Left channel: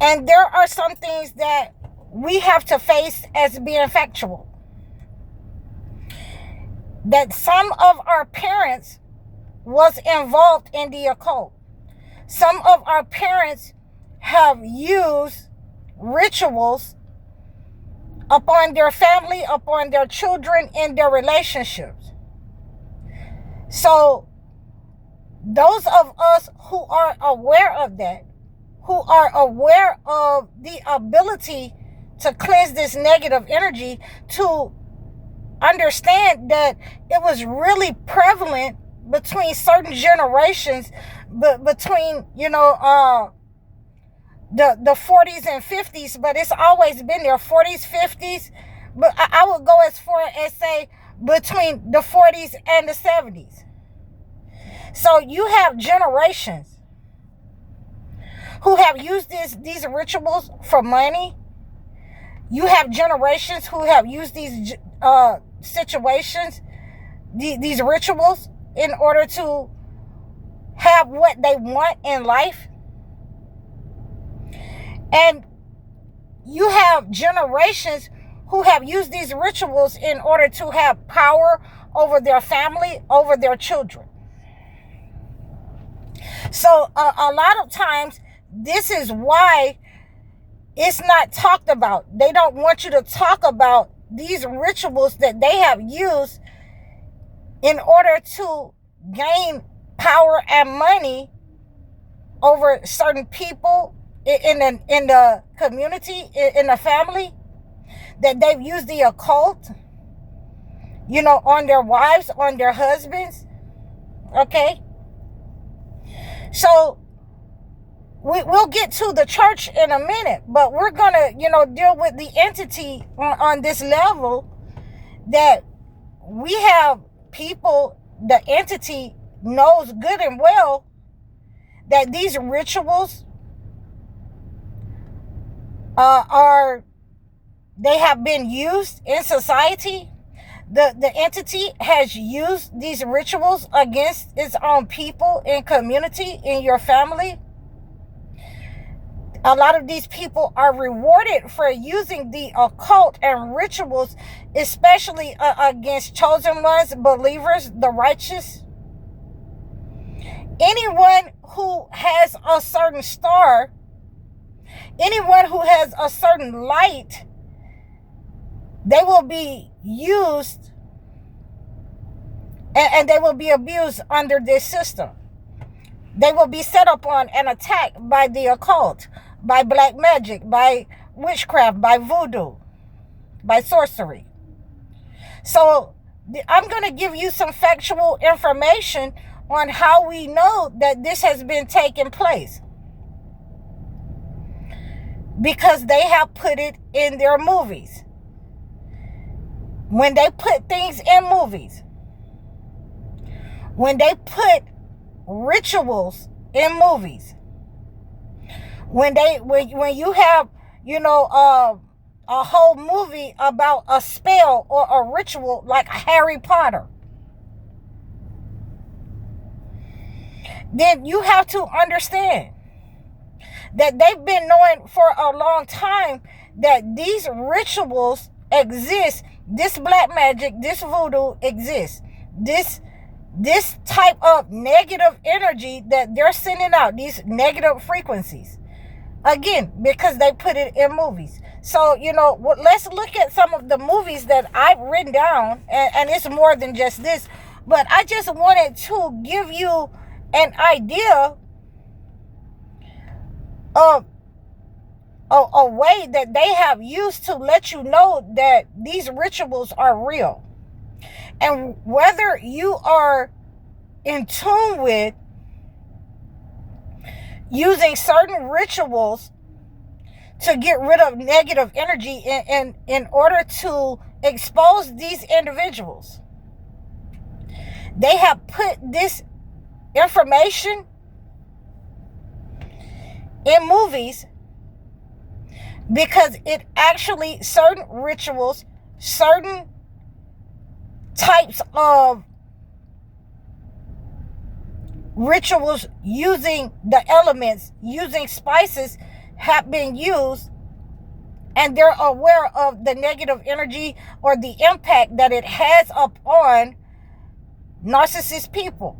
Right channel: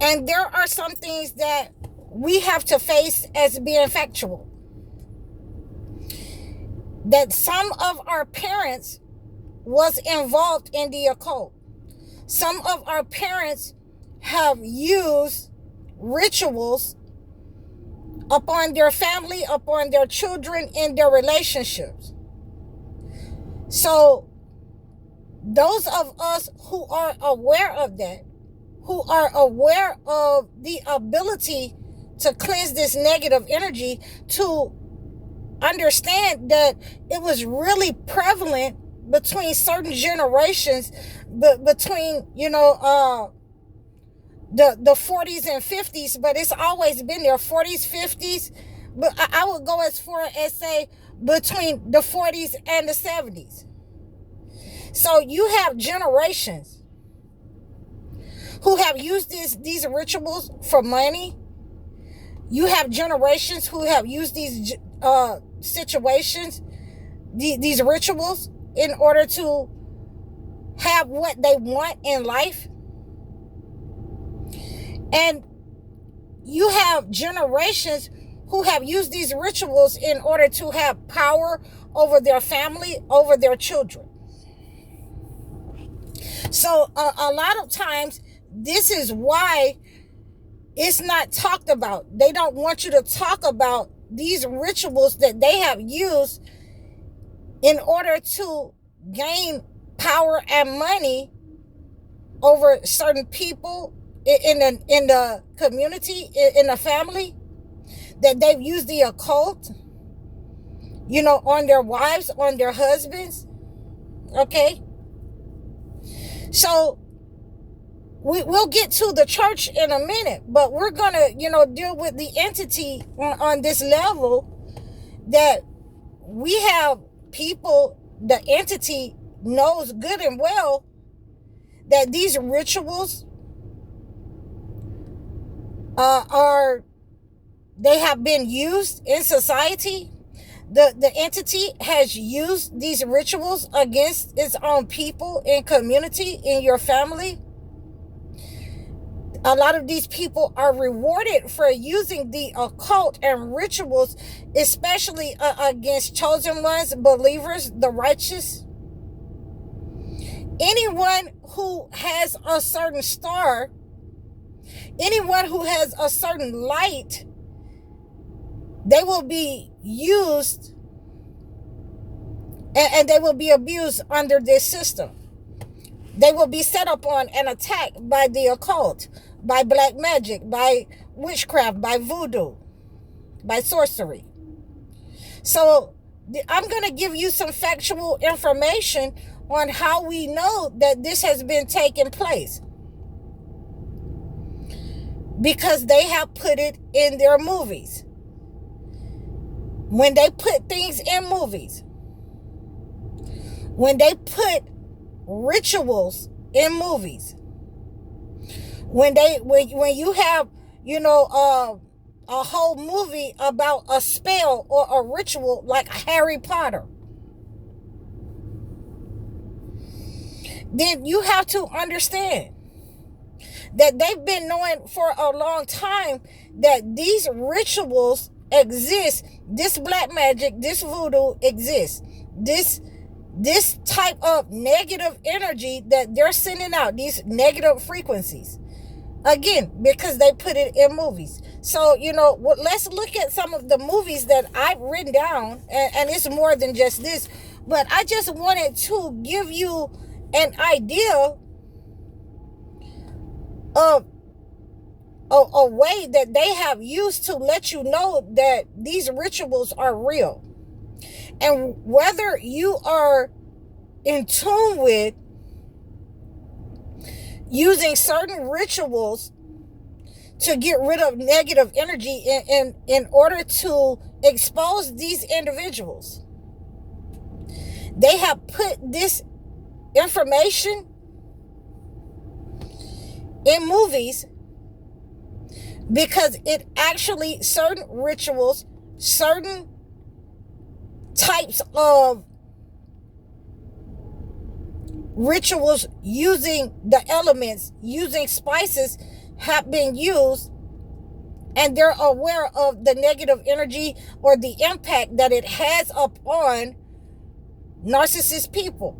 And there are some things that we have to face as being factual. That some of our parents was involved in the occult. Some of our parents have used rituals upon their family, upon their children, in their relationships. So those of us who are aware of that, who are aware of the ability to cleanse this negative energy, to understand that it was really prevalent between certain generations, but between, the 40s and 50s, but it's always been there, 40s, 50s, but I would go as far as say between the 40s and the 70s. So you have generations who have used these rituals for money. You have generations who have used these situations, these rituals, in order to have what they want in life. And you have generations who have used these rituals in order to have power over their family, over their children. So a lot of times, this is why it's not talked about. They don't want you to talk about these rituals that they have used in order to gain power and money over certain people in the community, in the family, that they've used the occult, on their wives, on their husbands. Okay? So we'll get to the church in a minute, but we're going to, deal with the entity on this level, that we have people, the entity knows good and well that these rituals they have been used in society. The entity has used these rituals against its own people, in community, in your family. A lot of these people are rewarded for using the occult and rituals, especially against chosen ones, believers, the righteous. Anyone who has a certain star, anyone who has a certain light, they will be used and they will be abused under this system. They will be set upon and attacked by the occult, by black magic, by witchcraft, by voodoo, by sorcery. So I'm going to give you some factual information on how we know that this has been taking place. Because they have put it in their movies. When they put things in movies, when they put rituals in movies, when you have, a whole movie about a spell or a ritual like Harry Potter, then you have to understand that they've been knowing for a long time that these rituals exist. This black magic, this voodoo exists. This type of negative energy that they're sending out, these negative frequencies, again, because they put it in movies. So, let's look at some of the movies that I've written down, and it's more than just this, but I just wanted to give you an idea of a way that they have used to let you know that these rituals are real. And whether you are in tune with using certain rituals to get rid of negative energy in order to expose these individuals, they have put this information in movies, because it actually, certain rituals, certain types of rituals using the elements, using spices, have been used, and they're aware of the negative energy or the impact that it has upon narcissist people.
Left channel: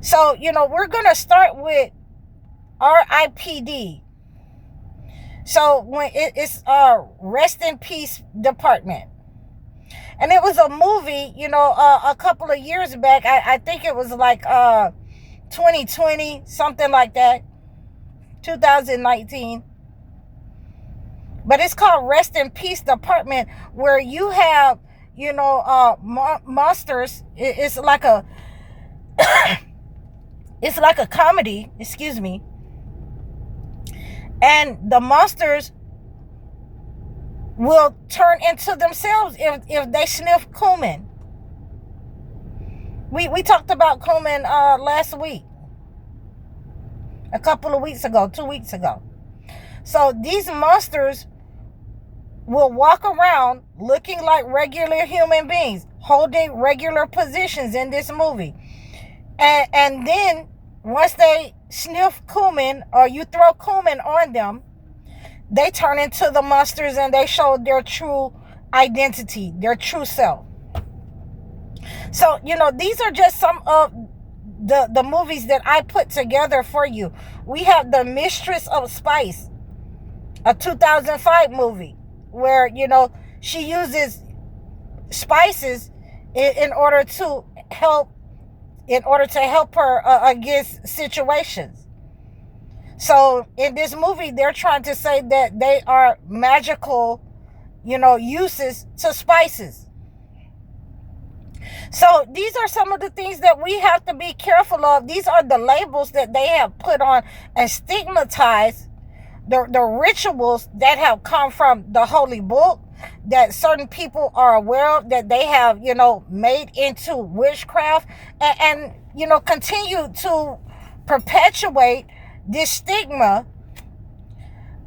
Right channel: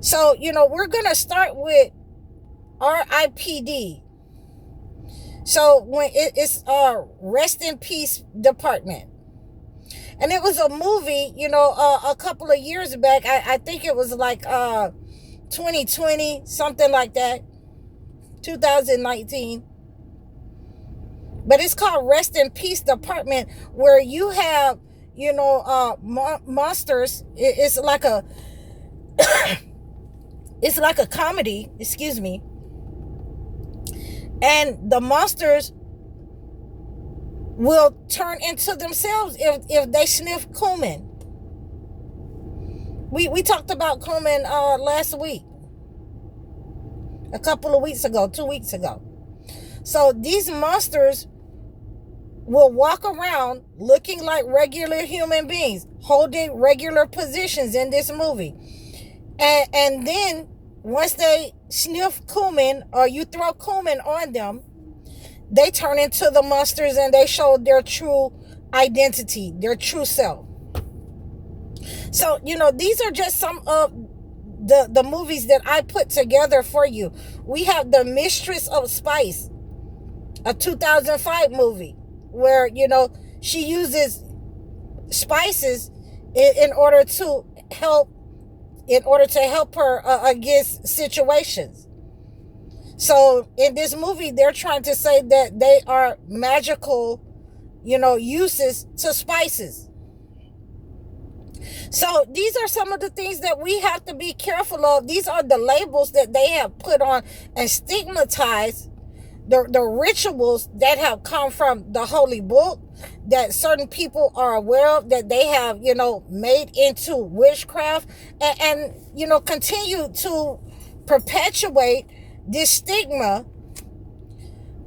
So, we're going to start with RIPD. So when it's Rest in Peace Department. And it was a movie, a couple of years back. I think it was like 2020, something like that. 2019. But it's called Rest in Peace Department, where you have, monsters. It's like a it's like a comedy, excuse me. And the monsters will turn into themselves if they sniff cumin. We talked about cumin last week. A couple of weeks ago, 2 weeks ago. So these monsters will walk around looking like regular human beings, holding regular positions in this movie. And then once they sniff cumin, or you throw cumin on them, they turn into the monsters and they show their true identity, their true self. So, these are just some of the movies that I put together for you. We have The Mistress of Spice, a 2005 movie where, she uses spices in order to help her against situations. So in this movie, they're trying to say that they are magical, uses to spices. So these are some of the things that we have to be careful of. These are the labels that they have put on and stigmatized the rituals that have come from the Holy Book, that certain people are aware of, that they have, made into witchcraft, and continue to perpetuate this stigma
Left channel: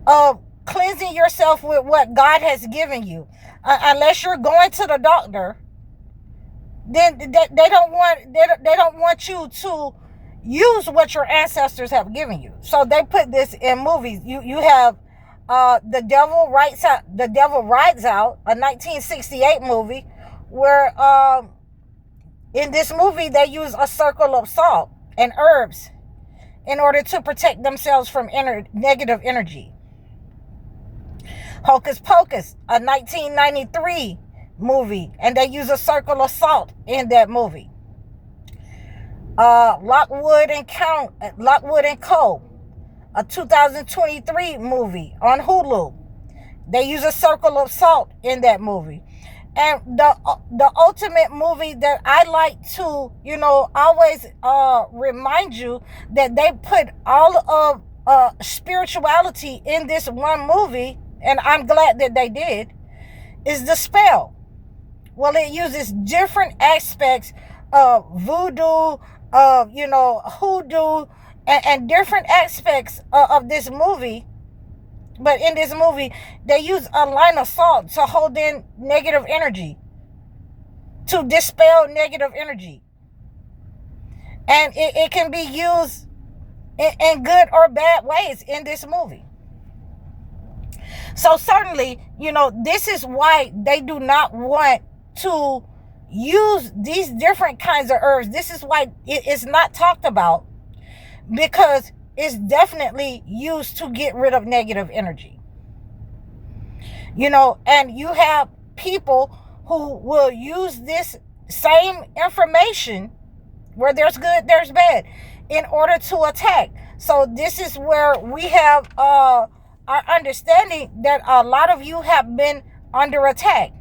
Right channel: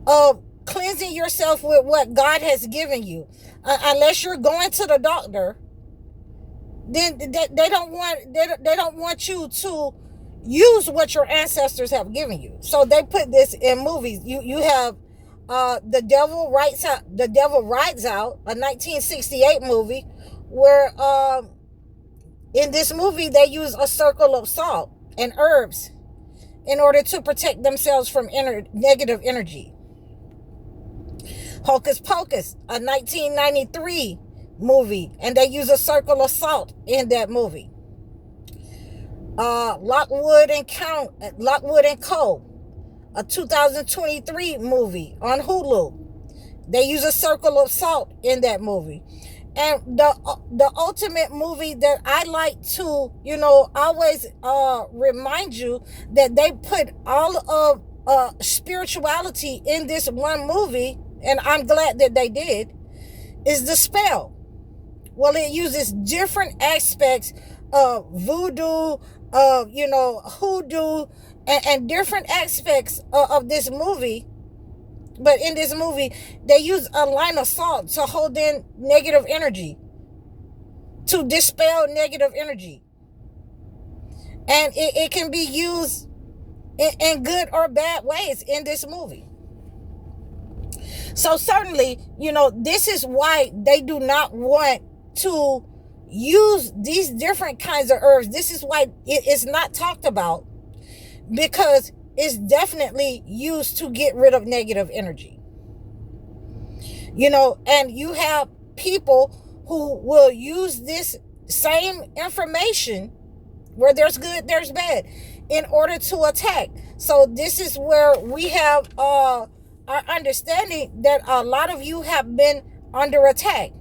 of cleansing yourself with what God has given you. Unless you're going to the doctor, then they don't want you to use what your ancestors have given you. So they put this in movies. You have The Devil Rides Out, a 1968 movie, where in this movie they use a circle of salt and herbs in order to protect themselves from negative energy. Hocus Pocus, a 1993 movie, and they use a circle of salt in that movie. Lockwood and Co., a 2023 movie on Hulu. They use a circle of salt in that movie. And the ultimate movie that I like to, always remind you that they put all of spirituality in this one movie, and I'm glad that they did, is The Spell. Well, it uses different aspects of voodoo, of, hoodoo, and different aspects of this movie. But in this movie, they use a line of salt to hold in negative energy, to dispel negative energy. And it can be used in good or bad ways in this movie. So certainly, this is why they do not want to use these different kinds of herbs. This is why it is not talked about, because it's definitely used to get rid of negative energy. And you have people who will use this same information, where there's good, there's bad, in order to attack. So this is where we have our understanding that a lot of you have been under attack.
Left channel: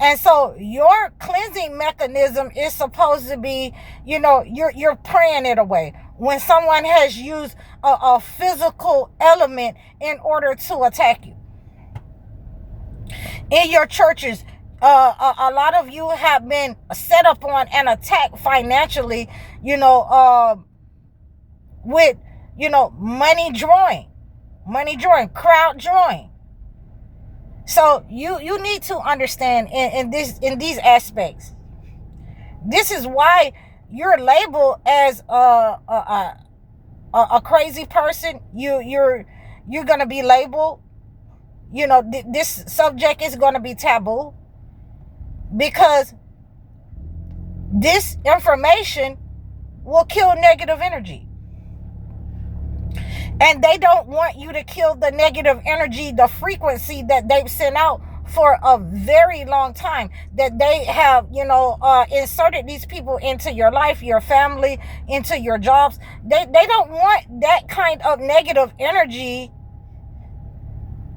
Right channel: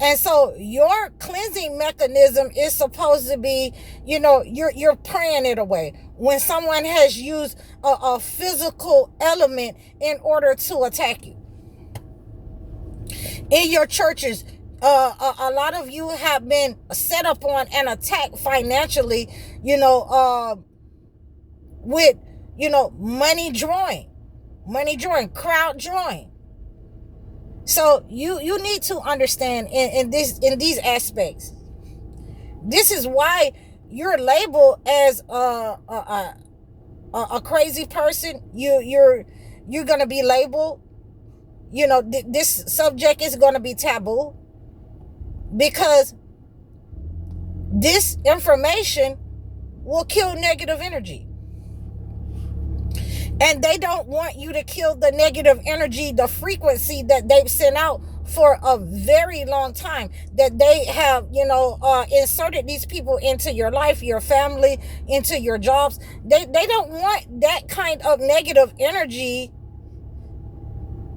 And so your cleansing mechanism is supposed to be, you're praying it away. When someone has used a physical element in order to attack you. In your churches, a lot of you have been set up on an attack financially, with, money drawing, crowd drawing. So you need to understand in these aspects. This is why you're labeled as a crazy person. You're you're going to be labeled, this subject is going to be taboo, because this information will kill negative energy. And they don't want you to kill the negative energy, the frequency that they've sent out for a very long time, that they have, inserted these people into your life, your family, into your jobs. They don't want that kind of negative energy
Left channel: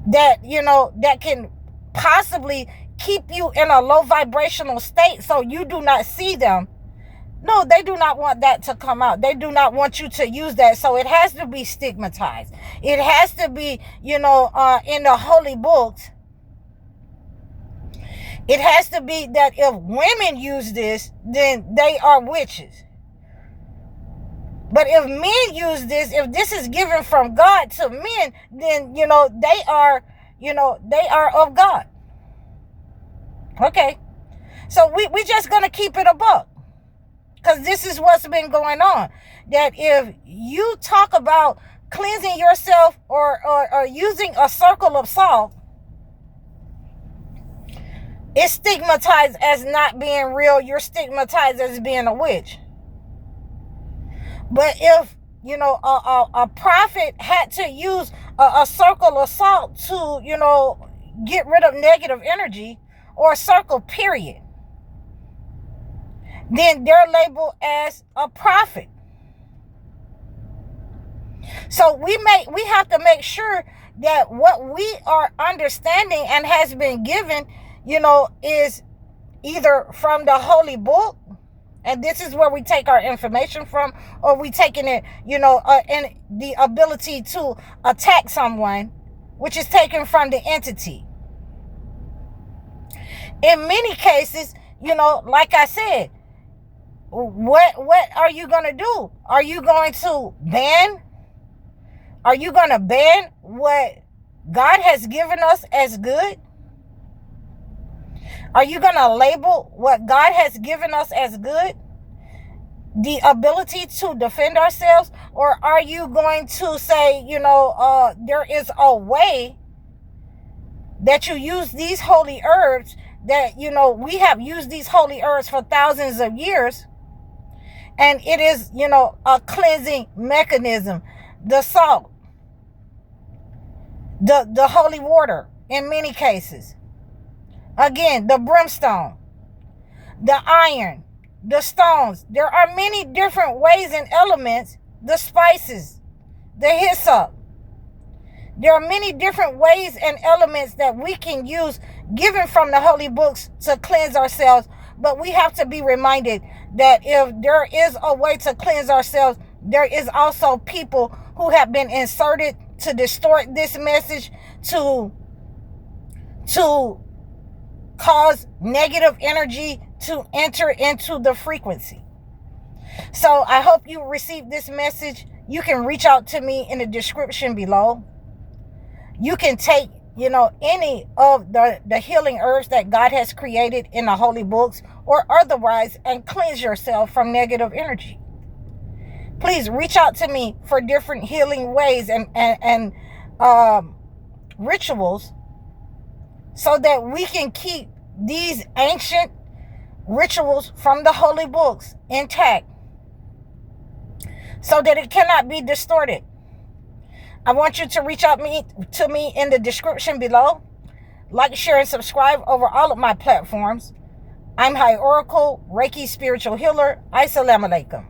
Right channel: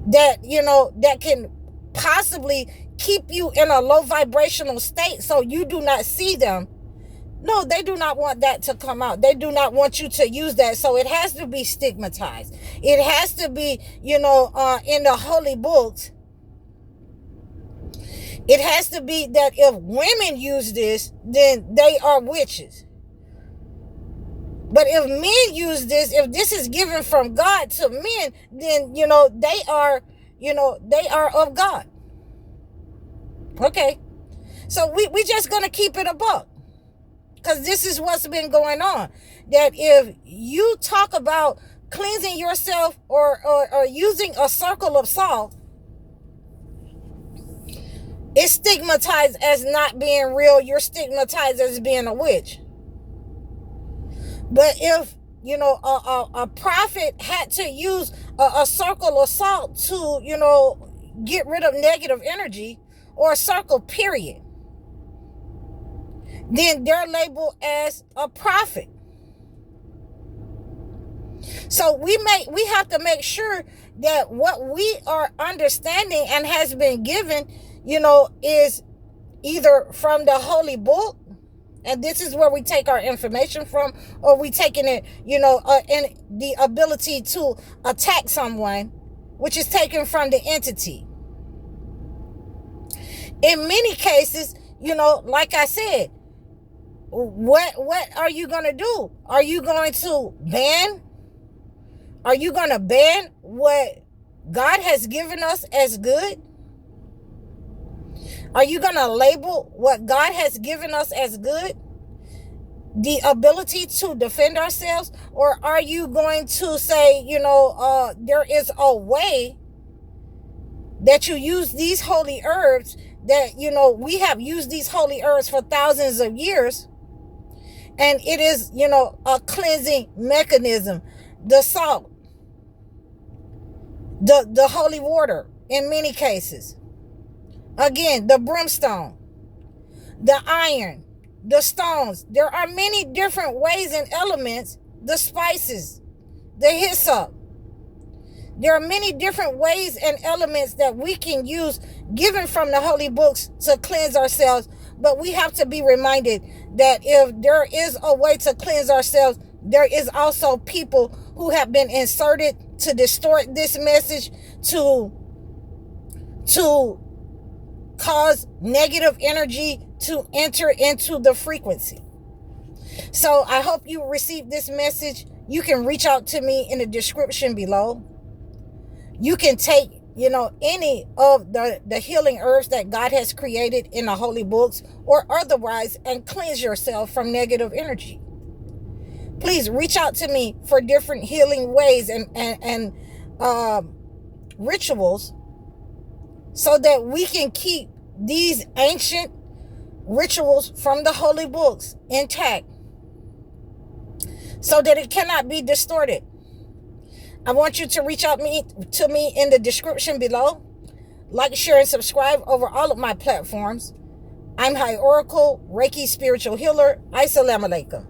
that, that can possibly keep you in a low vibrational state so you do not see them. No, they do not want that to come out. They do not want you to use that. So it has to be stigmatized. It has to be, in the holy books. It has to be that if women use this, then they are witches. But if men use this, if this is given from God to men, then, they are of God. Okay. So we just going to keep it a buck. Because this is what's been going on. That if you talk about cleansing yourself or using a circle of salt, it's stigmatized as not being real. You're stigmatized as being a witch. But if, a prophet had to use a circle of salt to, get rid of negative energy, or a circle, period, then they're labeled as a prophet. So we have to make sure that what we are understanding and has been given, is either from the holy book, and this is where we take our information from, or we taking it, and the ability to attack someone, which is taken from the entity. In many cases, like I said, what are you going to do? Are you going to ban? Are you going to ban what God has given us as good? Are you going to label what God has given us as good? The ability to defend ourselves? Or are you going to say, there is a way that you use these holy herbs, that, we have used these holy herbs for thousands of years, and it is, a cleansing mechanism. The salt, the holy water in many cases. Again, the brimstone, the iron, the stones. There are many different ways and elements, the spices, the hyssop. There are many different ways and elements that we can use given from the holy books to cleanse ourselves. But we have to be reminded that if there is a way to cleanse ourselves, there is also people who have been inserted to distort this message, to cause negative energy to enter into the frequency. So I hope you received this message. You can reach out to me in the description below. You can take, any of the healing herbs that God has created in the holy books or otherwise, and cleanse yourself from negative energy. Please reach out to me for different healing ways and rituals, so that we can keep these ancient rituals from the holy books intact, so that it cannot be distorted. I want you to reach out to me in the description below. Like, share, and subscribe over all of my platforms. I'm High Oracle, Reiki Spiritual Healer. Assalamu alaikum.